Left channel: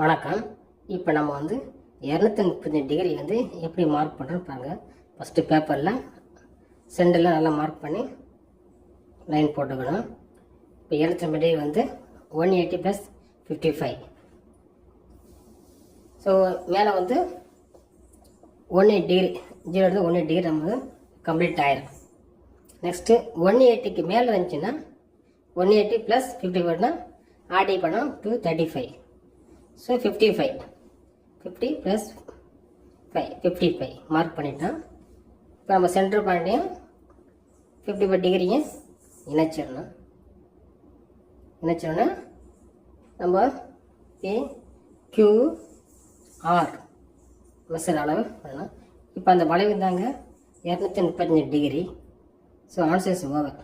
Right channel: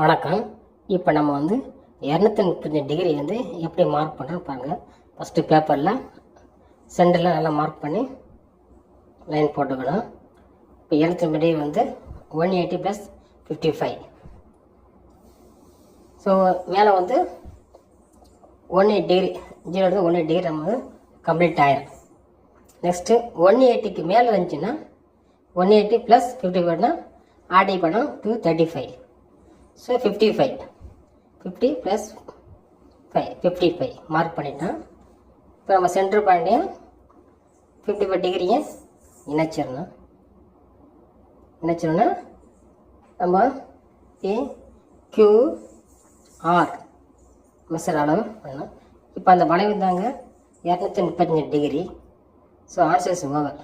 வணக்கம். இப்போ நம்ம வந்து 235 டிகிரி வந்து எப்படி மார்க் பண்ணுறோன்னு பாருங்கள். ஃபஸ்ட்டு பேப்பரில் சென்டரில் நல்லா மார்க் பண்ணி லைன் போட்டுக்கணும். இப்போ 235 டிகிரி வந்து 180 + 55. ஸோ மேலே வந்து 180 டிகிரி 0 180 டிகிரி நம்ம கம்ப்ளீட் ஆயிரும். நெக்ஸ்ட்டு 180க்கு மேலே இருந்துச்சுன்னா 180 + 55னா ஆடி படம் 235. ஸோ 55 50 + 5 55 மார்க் பண்ணிட்டான். இப்போ நம்ம சென்டர் பாயிண்டையும் 55 டிகிரியை இணைச்சிடணும். நம்ம PQR மெஷர் அளவு பண்ணணும். இப்போ அந்த வளைவு தாங்க 235 டிகிரி. So answers over.